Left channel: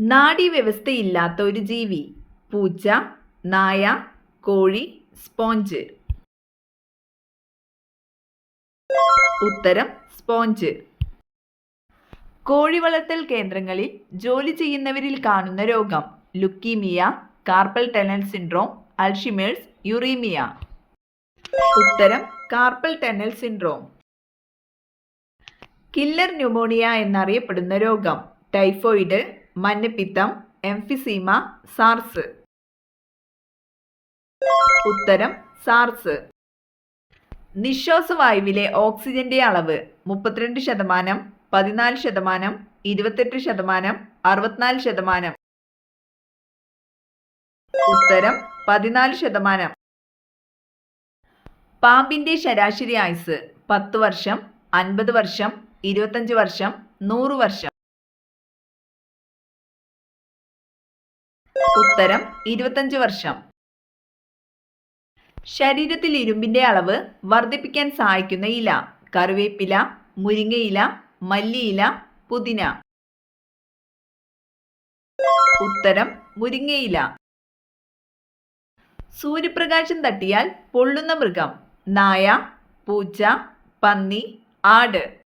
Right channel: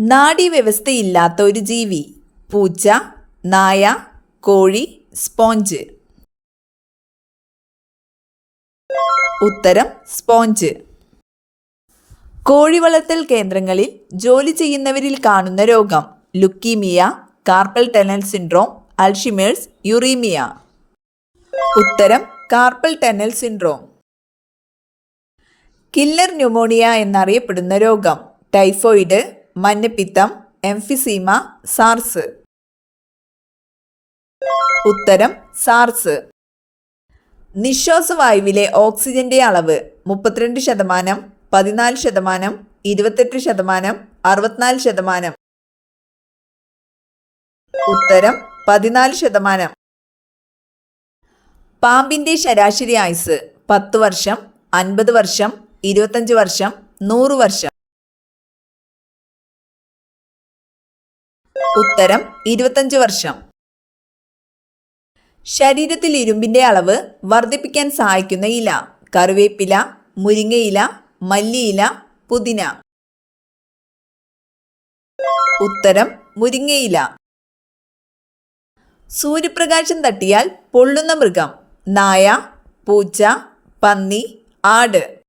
നാഡീവ്യവസ്ഥയില്ലാത്ത ഒരു ജീവി. പൂച്ച, നായ, കോഴി, സ്പോഞ്ച്. ഉത്തരം സ്പോഞ്ച്. കോഴി വളർത്തൽ കേന്ദ്രങ്ങളിൽ ജോലി ചെയ്യുന്നവരിൽ കാണുന്ന രോഗം. Leukaemia, carpal tunnel syndrome, Alzheimer's, uraemia. ഉത്തരം carpal tunnel syndrome. Killer pneumonia എന്നറിയപ്പെടുന്ന രോഗം. ടൈഫോയിഡ്, മഞ്ഞപ്പിത്തം, എംഫിസീമ, സാർസ്. ഉത്തരം സാർസ്. നിശ്വാസവായുവിലെ ഓക്സിജന്റെ അളവ് 32%, 14%, 28%, 64%. ഉത്തരം 14%. പാമ്പിന്റെ ശരാശരി ആയുസ് 10 വർഷം, 50 വർഷം, 25 വർഷം, 100 വർഷം. ഉത്തരം 25 വർഷം. ശരീരത്തിൽ ഇരുമ്പിന്റെ അളവ് വർദ്ധിപ്പിക്കാൻ സഹായിക്കുന്ന ഇല. കറിവേപ്പില, മുരിങ്ങയില, മല്ലിയില, പുതിന. ഉത്തരം മുരിങ്ങയില. സൂര്യപ്രകാശം തട്ടിയാൽ പൊള്ളുന്ന മൃഗം. നായ, പൂച്ച, പന്നി, ആട്.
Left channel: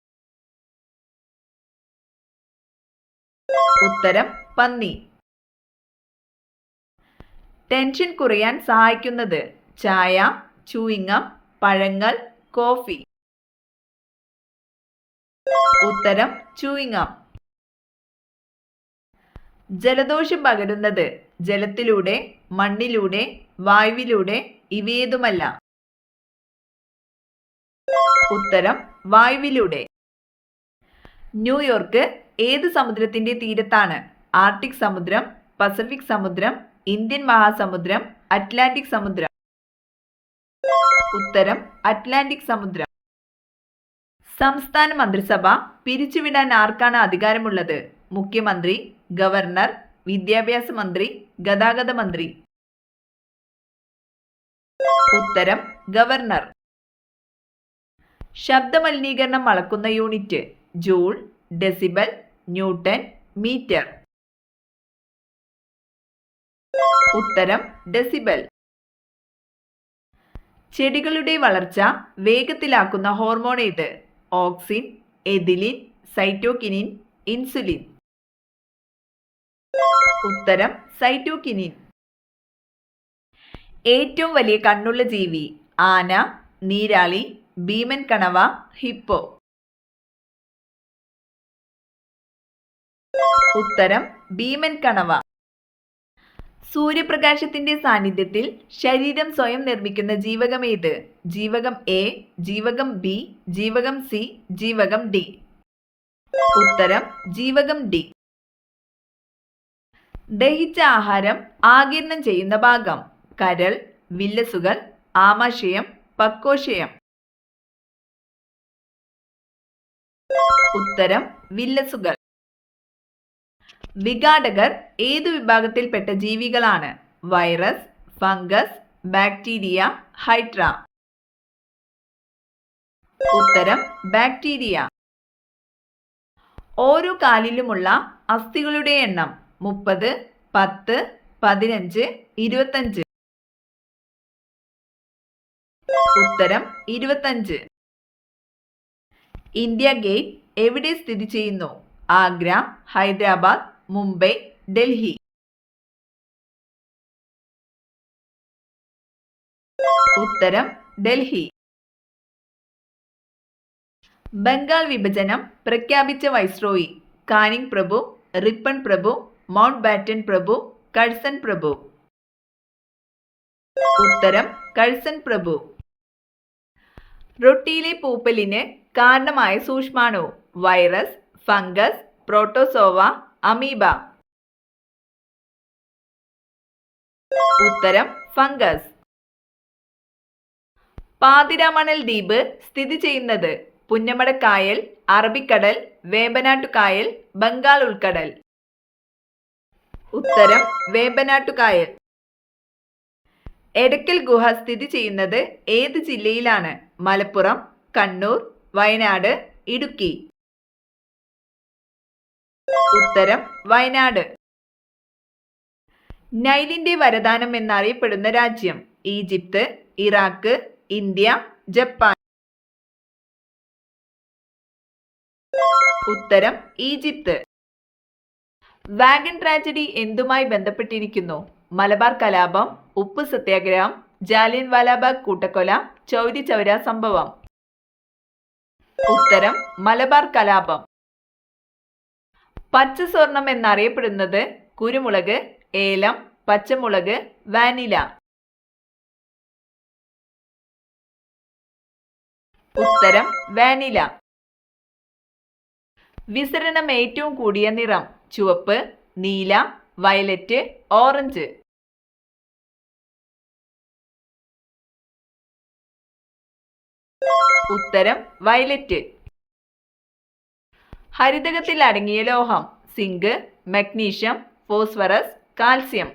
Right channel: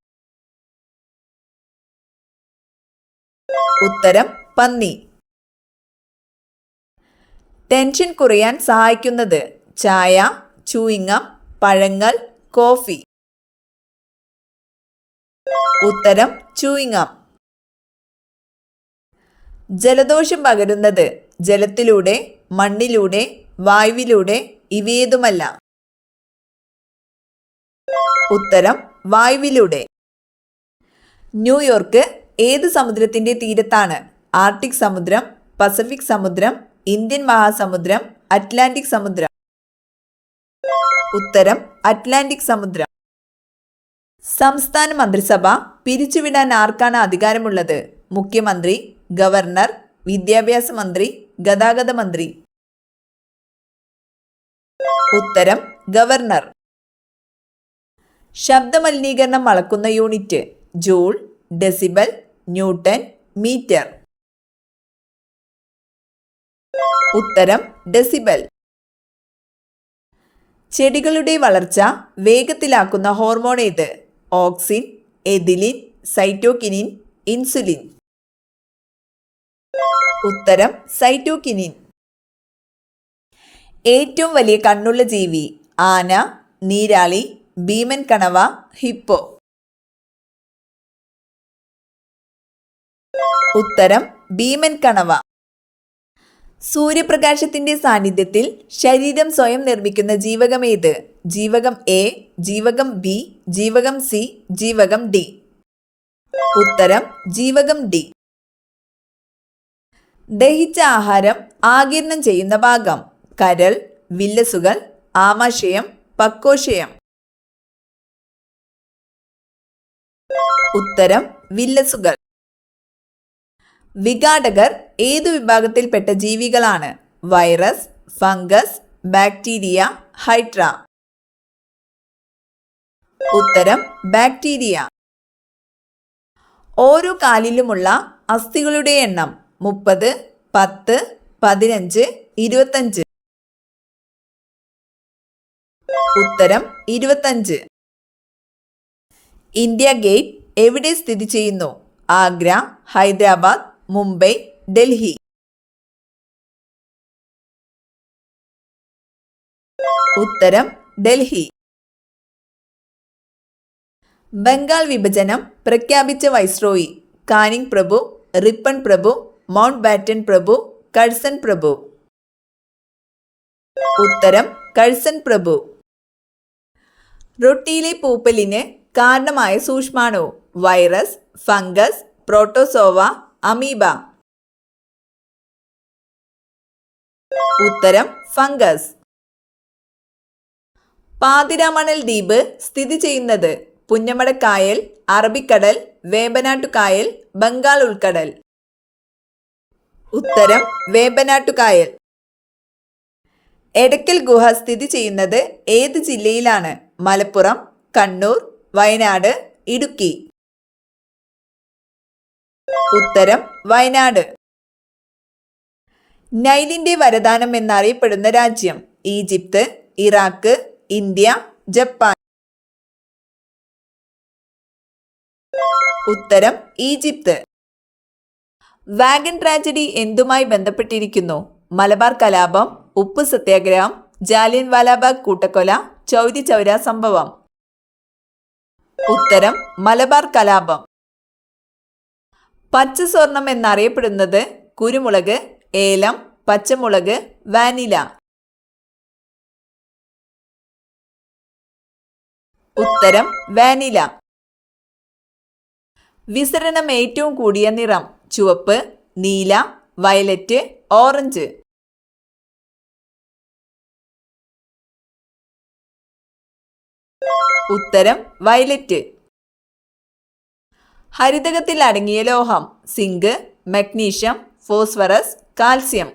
ഉത്തരം പന്നി. ടെൻഷൻ കുറയാൻ സഹായിക്കുന്നത്. ചായ, ചൂയിങ്ങം, പഴങ്ങൾ, കോഫി. ഉത്തരം ചൂയിങ്ങം. ജലദോഷം പകരുന്നത്. ജലത്തിലൂടെ, മണ്ണിലൂടെ, വായുവിലൂടെ, ഇവയേതുമല്ല. ഉത്തരം വായുവിലൂടെ. ന്യൂയോർക്ക് ഏത് സമുദ്രത്തിന്റെ തീരത്താണ്? ആർട്ടിക് സമുദ്രം, പസഫിക് സമുദ്രം, ഇന്ത്യൻ മഹാസമുദ്രം, അറ്റ്ലാന്റിക് സമുദ്രം. ഉത്തരം അറ്റ്ലാന്റിക് സമുദ്രം. സംസ്ഥാന മന്ത്രിസഭ പിരിച്ചുവിടാൻ ആർക്കാണ് അധികാരമുള്ളത്? മുഖ്യമന്ത്രി, ഗവർണർ, വിദ്യാഭ്യാസ മന്ത്രി, ഗതാഗത മന്ത്രി. ഉത്തരം ഗവർണർ. ശബ്ദമലിനീകരണം അളക്കുന്ന unit. Joule, decibel, newton, metre. ഉത്തരം ഡെസിബൽ. ചെടികളുടെ വളർച്ച വേഗത്തിലാക്കുന്ന ഹോർമോൺ ഏത്? Auxin, ethylene, cytokinin, insulin. ഉത്തരം സൈറ്റോകിനിൻ. ഏറ്റവും വലിയ കണ്ണുള്ള ജീവി. ആന, നീരാളി, ഭീമൻ കണവ, ഹിപ്പോ. ഉത്തരം ഭീമൻ കണവ. സൂര്യപ്രകാശത്തിന്റെ സാന്നിധ്യത്തിൽ ശരീരം സ്വയം നിർമ്മിക്കുന്ന ജീവകം ഏത്? ജീവകം എ, ജീവകം ബി, ജീവകം സി, ജീവകം ഡി. ഉത്തരം ജീവകം ഡി. ദഹിച്ച ആഹാരം ആഗിരണം ചെയ്യുന്ന ഭാഗം. കരൾ, വില്ലസുകൾ, ആമാശയം, പക്വശയം. ഉത്തരം വില്ലസുകൾ. വിഘാടകർ ഏതു വിഭാഗത്തിൽപ്പെട്ട ജീവികളാണ്? Virus, fungus, bacteria, hydra. ഉത്തരം ബാക്ടീരിയ. ഓരോ കാലിലുമുള്ള അസ്ഥികളുടെ എണ്ണം 30, 10, 15, 25. ഉത്തരം 25. ഇന്ത്യ ഗേറ്റ് എവിടെ സ്ഥിതി ചെയ്യുന്നു? ആഗ്ര, ഹൈദരാബാദ്, മുംബൈ, ഡൽഹി. ഉത്തരം ഡൽഹി. ബംഗാൾ വിഭജനം പ്രഖ്യാപിച്ച വൈസ്രോയി. കാനിങ് പ്രഭു, റിപ്പൺ പ്രഭു, മൗണ്ട് ബാറ്റൻ പ്രഭു, കഴ്സൺ പ്രഭു. ഉത്തരം കഴ്സൺ പ്രഭു. റൊട്ടിയിലെ പൂപ്പലിന് കാരണമായ സൂക്ഷ്മാണു. Virus, fungus, protozoa, amoeba. ഉത്തരം ഫംഗസ്. പാതിരാമണൽ ദ്വീപ് സ്ഥിതി ചെയ്യുന്നത്. പുന്നമടക്കായൽ, അറബിക്കടൽ, വേമ്പനാട്ടുകായൽ, ബംഗാൾ ഉൾക്കടൽ. ഉത്തരം വേമ്പനാട്ടുകായൽ. എടക്കൽ ഗുഹ സ്ഥിതി ചെയ്യുന്നത് ഏത് ജില്ലയിലാണ്? മലപ്പുറം, കണ്ണൂർ, വയനാട്, ഇടുക്കി. ഉത്തരം വയനാട്. നൈലിന്റെ വരദാനം എന്നറിയപ്പെടുന്ന രാജ്യം ഈജിപ്ത്, ഇറാഖ്, ഇന്ത്യ, ജപ്പാൻ. ഉത്തരം ഈജിപ്ത്. വാഗൺ ട്രാജഡി എന്തുമായി ബന്ധപ്പെട്ടിരിക്കുന്നു? മലബാർ കലാപം, ഉപ്പ് സത്യാഗ്രഹം, ജാലിയൻ വാലാബാഗ് കൂട്ടക്കൊല, ചൗരി ചൗര സംഭവം. ഉത്തരം മലബാർ കലാപം. പച്ച സ്വർണം എന്നറിയപ്പെടുന്നത് കുരുമുളക്, ഏലം, പച്ചമുളക്, വാനില. ഉത്തരം വാനില. വിസരണം ഏറ്റവും കൂടിയ നിറം ചുവപ്പ്, നീല, വയലറ്റ്, ഓറഞ്ച്. ഉത്തരം വയലറ്റ്. ഹരിതകത്തിൽ അടങ്ങിയ ലോഹം സിങ്ക്, മഗ്നീഷ്യം, ഫോസ്ഫറസ്, കാൽസ്യം.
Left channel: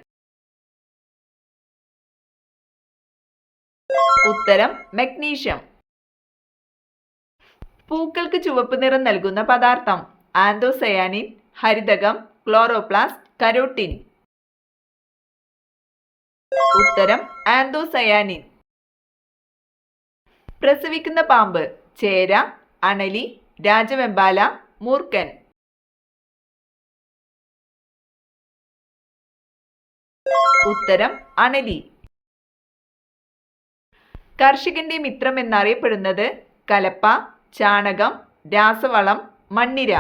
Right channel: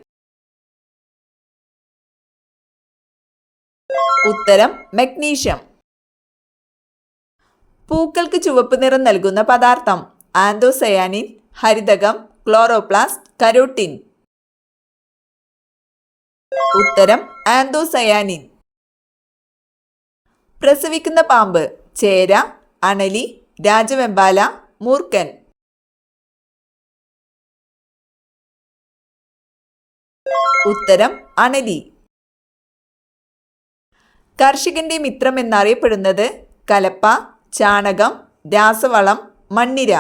ഉത്തരം മഗ്നീഷ്യം. പൂക്കൾക്ക് ചുവപ്പ് നിറം നൽകുന്ന പദാർത്ഥം ആന്തോസയാനിൻ, ഹരിതകം, ക്ലോറോപ്ലാസ്റ്റ്, കരോട്ടിൻ. ഉത്തരം ആന്തോസയാനിൻ. പ്രസവിക്കുന്ന പാമ്പ് ചേര, അണലി, രാജവെമ്പാല, മൂർഖൻ. ഉത്തരം അണലി. കർഷകന്റെ മിത്രം എന്നറിയപ്പെടുന്നത് കലപ്പ, ചാണകം, രാസവളം, മണ്ണിര.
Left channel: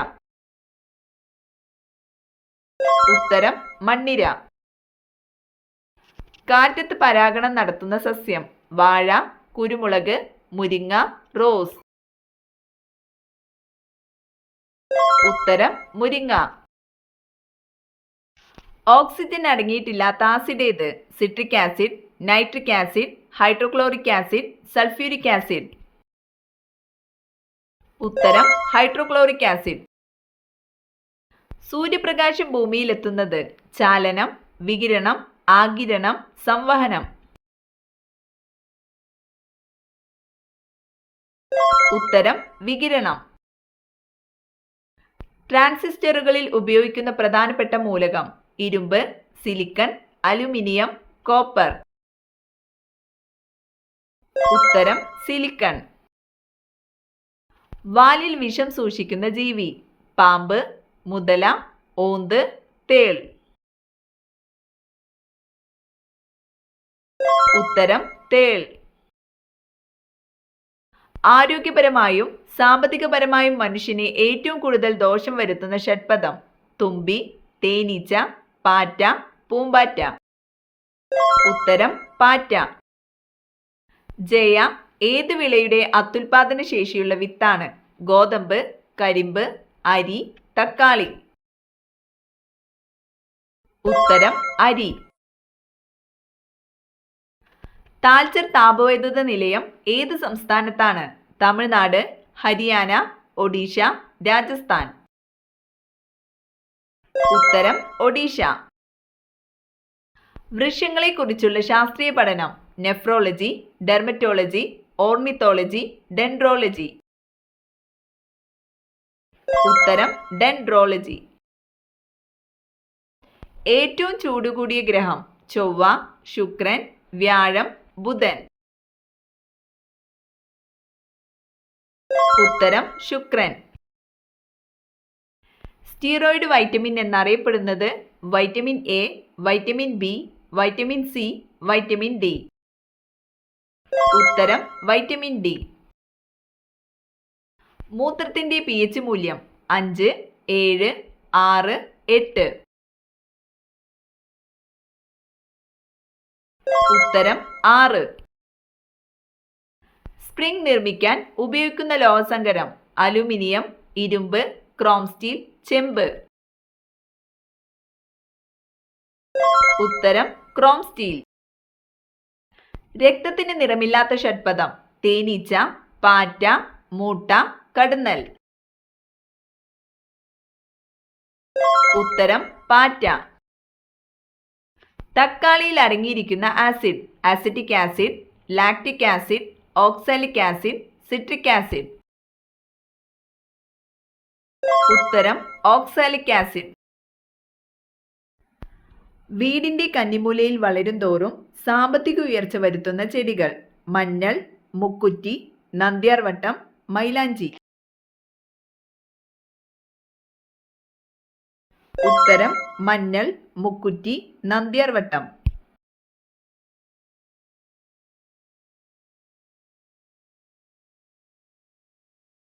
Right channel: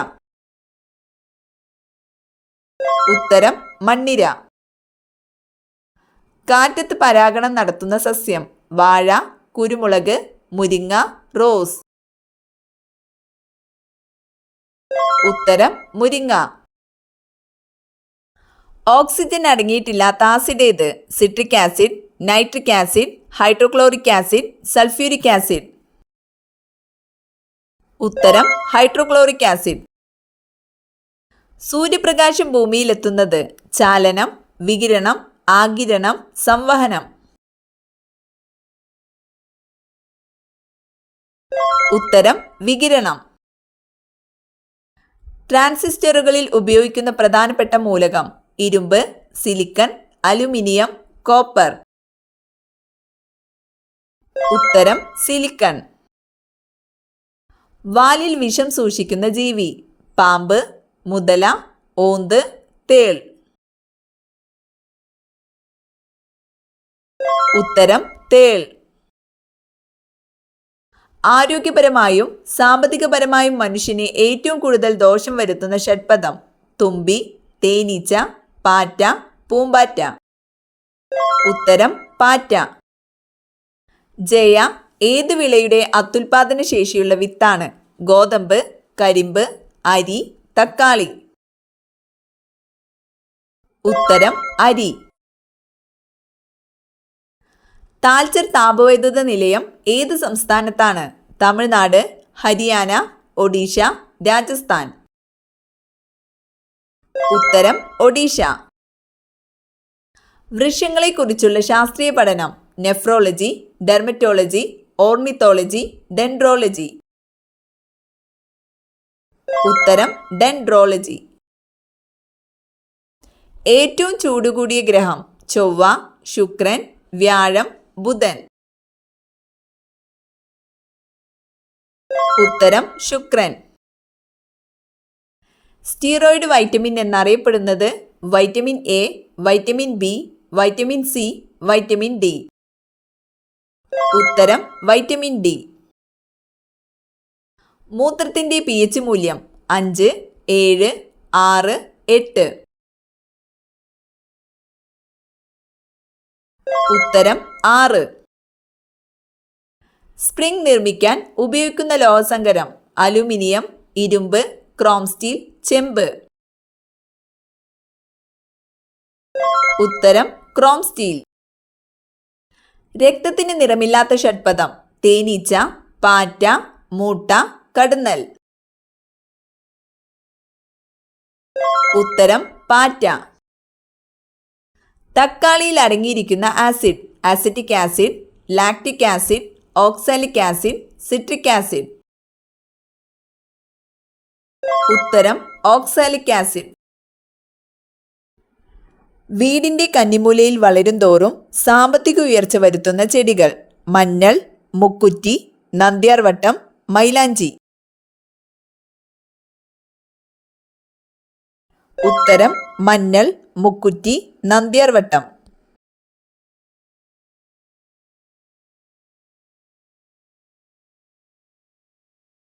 ഉത്തരം മണ്ണിര. കാറ്റത്ത് പരാഗണം നടത്തുന്ന സസ്യം വാഴ, കുരുമുളക്, മുരിങ്ങ, റോസ്. ഉത്തരം മുരിങ്ങ. ഓക്സിജൻ അടങ്ങിയിട്ടില്ലാത്ത ആസിഡ് ഏത്? Citric acid, nitric acid, hydrochloric acid, sulphuric acid. ഉത്തരം ഹൈഡ്രോക്ലോറിക് ആസിഡ്. സൂര്യപ്രകാശം ഭൂമിയിലെത്തുന്നത് ചാലനം, വികിരണം, ആഗിരണം, സംവഹനം. ഉത്തരം വികിരണം. ട്രാൻസിസ്റ്ററുകളിൽ ഉപയോഗിക്കുന്ന പ്രധാനപ്പെട്ട മൂലകം ഇരുമ്പ്, സിലിക്കൺ, അലുമിനിയം, കോപ്പർ. ഉത്തരം സിലിക്കൺ. വാലിൽ വിഷം സൂക്ഷിക്കുന്ന ജീവി പാമ്പ്, മുതല, ഓന്ത്, തേൾ. ഉത്തരം തേൾ. ആരോഗ്യപരമായും സാമ്പത്തികപരമായും മനുഷ്യന് ഏറ്റവും കൂടുതൽ ദോഷം വരുത്തുന്ന ഷഡ്പദം തുമ്പി, തേനീച്ച, പാറ്റ, പൂമ്പാറ്റ. ഉത്തരം പാറ്റ. ജയ ഏത് വിളയുടെ അത്യുൽപാദന ശേഷിയുള്ള വിത്താണ്? ഗോതമ്പ്, കരിമ്പ്, അരി, തക്കാളി. ഉത്തരം അരി. താൽച്ചർ താപവൈദ്യുത നിലയം ഏത് സംസ്ഥാനത്താണ്? തമിഴ്നാട്, ഹരിയാന, ഒഡീഷ, രാജസ്ഥാൻ. ഉത്തരം ഒഡീഷ. വൃക്ഷങ്ങളെക്കുറിച്ചുള്ള ശാസ്ത്രീയ പഠനം നെഫ്രോളജി, ഡെർമറ്റോളജി, ഓർണിത്തോളജി, ഡെൻഡ്രോളജി. ഉത്തരം ഡെൻഡ്രോളജി. ഏറ്റവും ചൂടുകൂടിയ ഗ്രഹം ചൊവ്വ, ശുക്രൻ, വ്യാഴം, ബുധൻ. ഉത്തരം ശുക്രൻ. സ്റ്റീറോയിഡ് വൈറ്റമിൻ എന്നറിയപ്പെടുന്നത് vitamin A, vitamin B, vitamin C, vitamin D. ഉത്തരം വൈറ്റമിൻ ഡി. മൂത്രത്തിന്റെ pH മൂല്യം 5, 7, 6, 8. ഉത്തരം 6. സ്പ്രിംഗ് നിർമ്മിക്കാൻ ഉപയോഗിക്കുന്ന ലോഹസങ്കരം അലുമിനിയം, ഇരുമ്പ്, ക്രോം സ്റ്റീൽ, ചെമ്പ്. ഉത്തരം ക്രോം സ്റ്റീൽ. രക്തത്തിന് നിറമില്ലാത്ത ഷഡ്പദം തേനീച്ച, പാറ്റ, മൂട്ട, കടന്നൽ. ഉത്തരം പാറ്റ. തക്കാളിയിൽ അടങ്ങിയിരിക്കുന്ന acid acetic acid, lactic acid, oxalic acid, citric acid. ഉത്തരം ഓക്സാലിക് ആസിഡ്. വീടിന്റെ കന്നിമൂലയിൽ വളരും തോറും സാമ്പത്തിക ഉയർച്ച വരുത്തുന്ന ചെടികൾ. മഞ്ഞൾ, മുക്കുറ്റി, നന്ദ്യാർവട്ടം, മൈലാഞ്ചി. ഉത്തരം മഞ്ഞൾ, മുക്കുറ്റി, നന്ദ്യാർവട്ടം.